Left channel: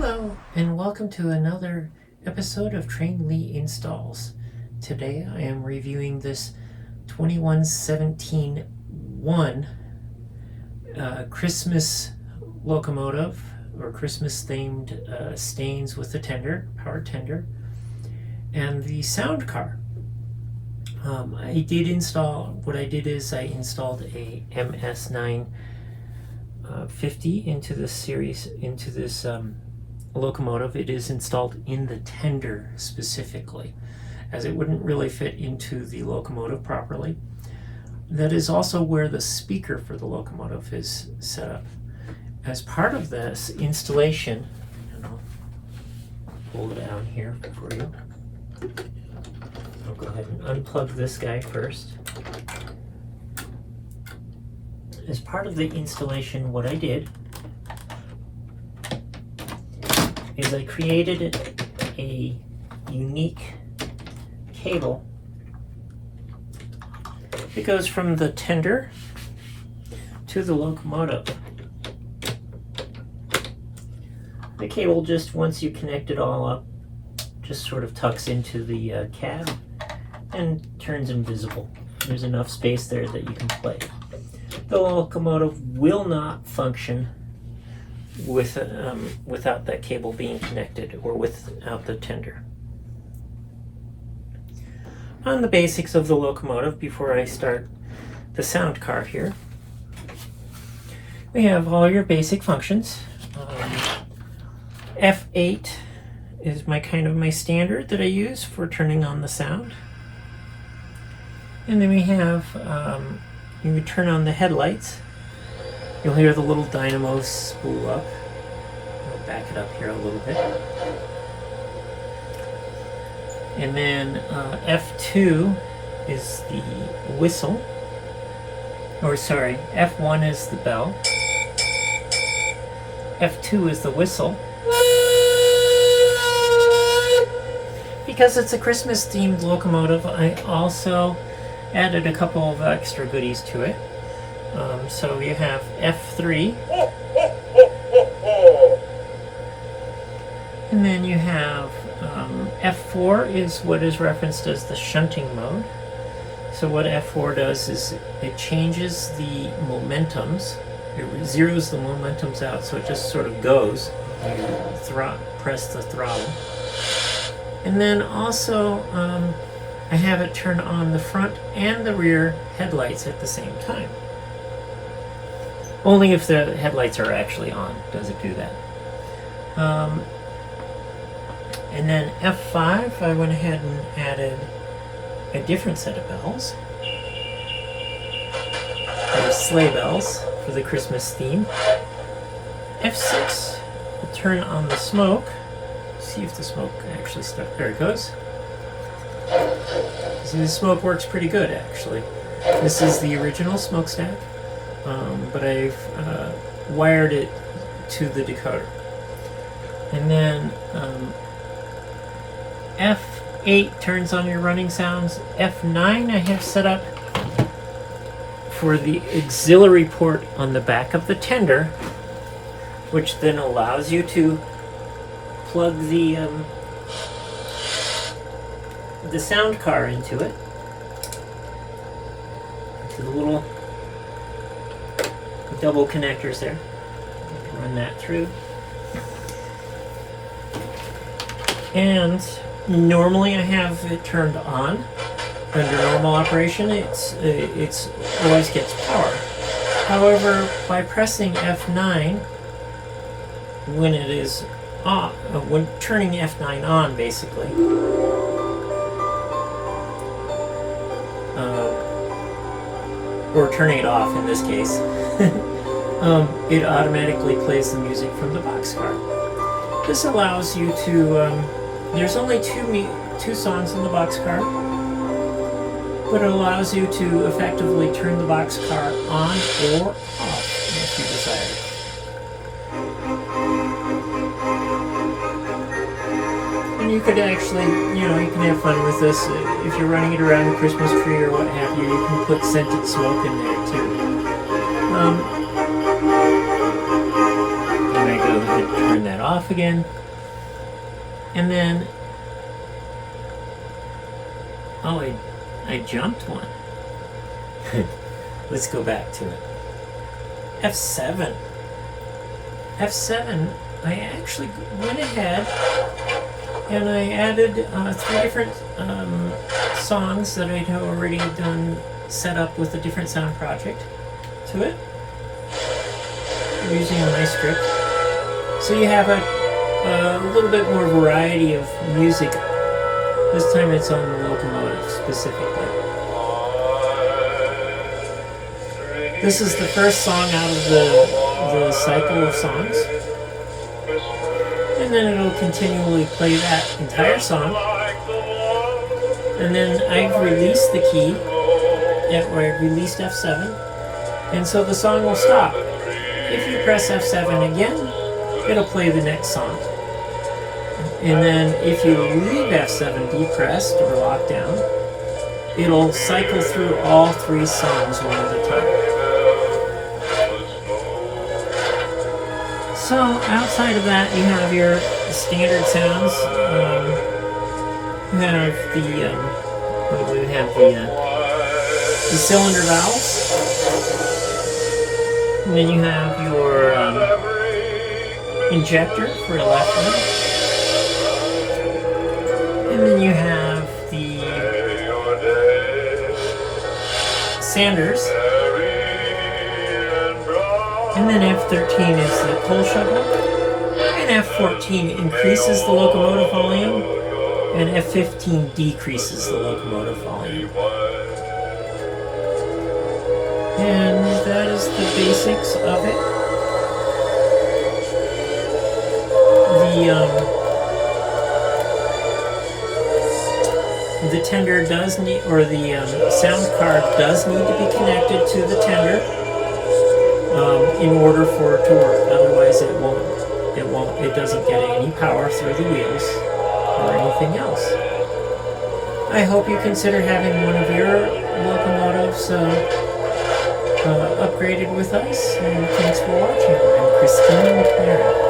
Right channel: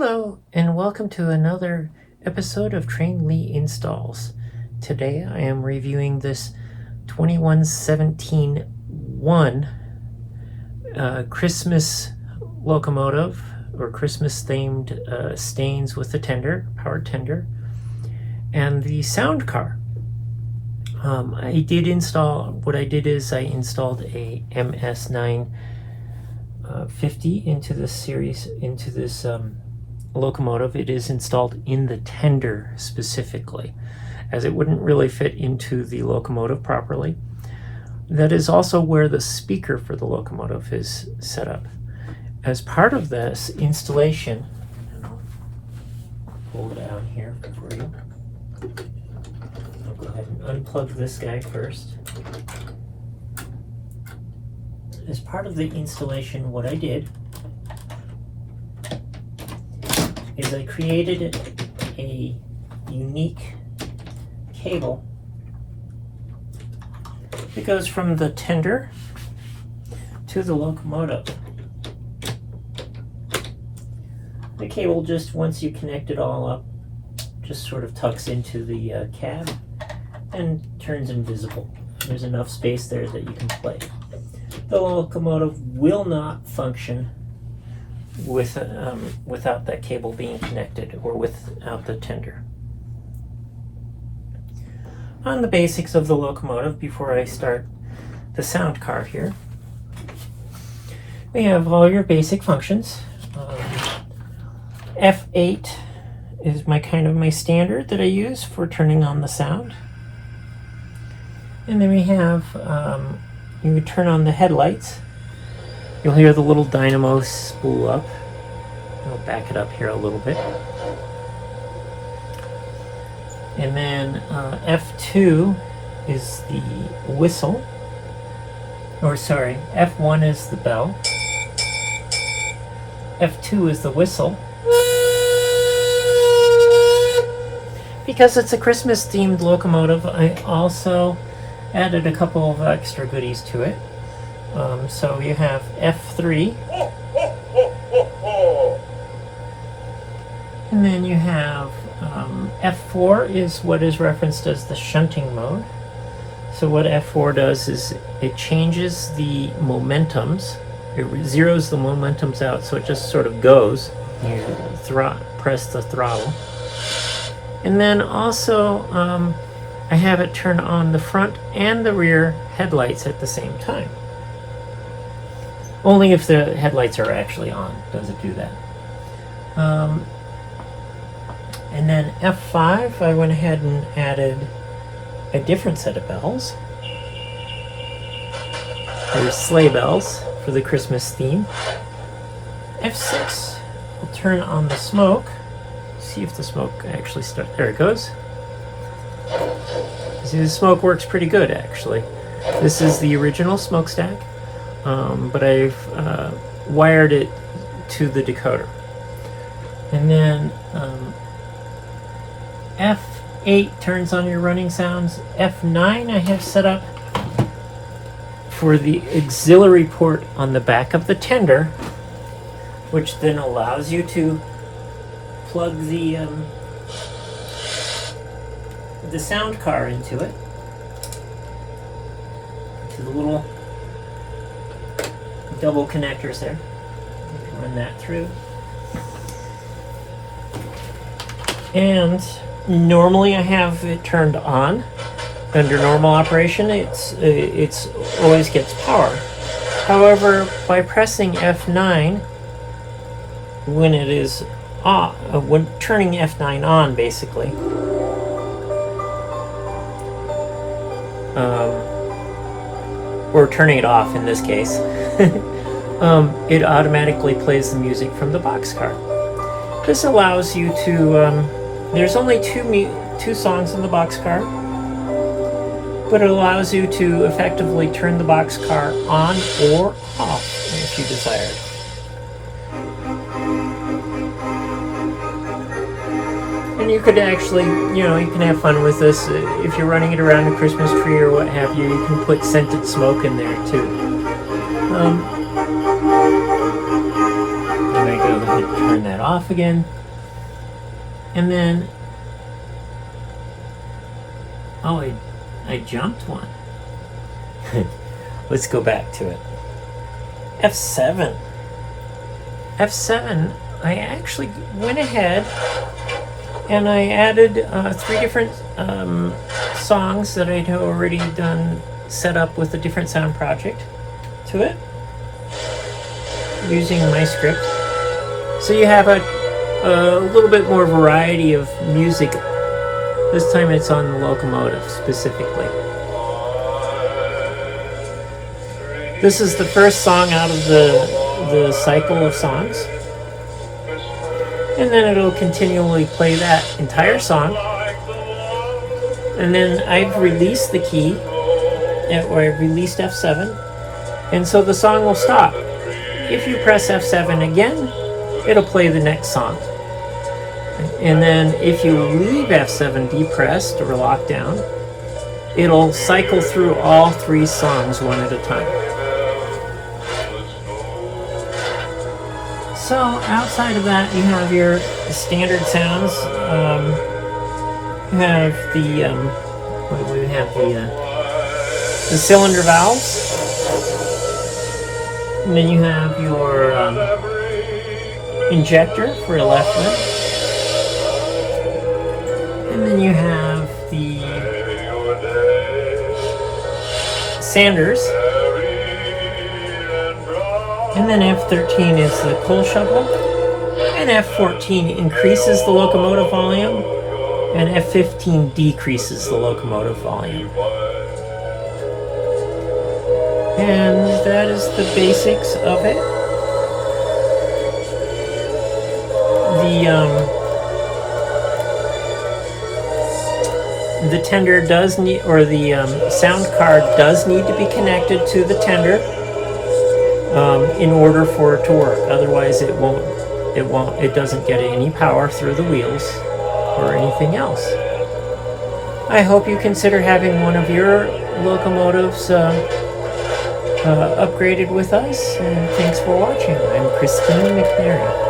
Hello and welcome to another episode of Train Lee Installs. Today I am reviewing this 2117-1 Christmas locomotive or Christmas themed Stainz with the tender, power tender, and the sound car. I installed a MS950 into this locomotive. It is installed in the tender specifically, as it wouldn't really fit into the locomotive properly. That is also where the speaker for the locomotive is set up. As part of this installation, I'll pull it down here for you. I'll go ahead and unplug this guy first. As part of the installation, what I did is I created a unique cable that goes from the tender to the locomotive. The cable, just once you connect it all up, just sort of tucks into the cab and turns invisible. There's enough space there that you can play. The locomotive will not function without that cable being connected, or without the tender. On the basics of the locomotive, before I start the sound car here, we have all your basic functions. F8 is my standard that I use for turning on the sound. And then we have, you would turn on the headlights. You'll hear the little dynamo spool up. I'll back it up here a little bit. And then F2 is the whistle. Or sorry, F1 is the bell. F2 is the whistle. Because it's a Christmas themed locomotive, I also added a couple of extra goodies to it. So you have F3, and then you have F4 is what is referenced as the shunting mode. So what F4 does is it changes the momentums. It zeroes the momentums out, so it just sort of goes. You press the throttle. And then also I have it turn on the front and the rear headlights at the same time. Only if the headlights are actually on does it do that. And then F5, I went ahead and added a different set of bells. Those sleigh bells for the Christmas theme. F6, I'll turn on the smoke. See if the smoke actually starts. There it goes. See, the smoke works pretty good, actually. This is the original smokestack, but I've wired it to the decoder. And then F8 turns on your running sounds. F9 I have set up for the auxiliary port on the back of the tender, which then allows you to plug the sound car into it, to the little double connectors there. You can run that through. And normally I have it turned on. Under normal operation, it's always gets power. However, by pressing F9 when it is off, when turning F9 on, basically, or turning it off in this case, it automatically plays the music from the boxcar. This allows you to, there's only two songs in the boxcar, but it allows you to effectively turn the boxcar on or off if you desire. And you could actually, you can have fun with this. If you're running it around a Christmas tree or what have you, you can put scented smoke in there too. I'm going to go ahead and turn that off again. And then, oh, I jumped one. Let's go back to it. F7. F7, I actually went ahead and I added 3 different songs that I'd already done, set up with a different sound project to it, using my script. So you have a little bit more variety of music. This time it's on the Locomotive specifically. This is the first song out of the cycle of songs. And then it'll continually play that entire song. And then I've released the key, or I've released F7, and so the song will stop. If you press F7 again, it'll play the next song. And then if you leave F7 depressed or locked down, it'll cycle through all 3 songs one at a time. So outside of that, you have your standard sounds. You have the cylinder valves, and then you have your injector for a left one, and then you have the sanders. And then F13 is the coal shovel, and F14 increases the locomotive volume, and F15 decreases the locomotive volume. And that is the basics of it. The tender does need, or the sound card does need to be connected to the tender in order for it to work. Otherwise, it doesn't get any power through the wheels or anything else. I hope you consider having one of your locomotives upgraded with us, and thanks for watching. I'm Christine McNair.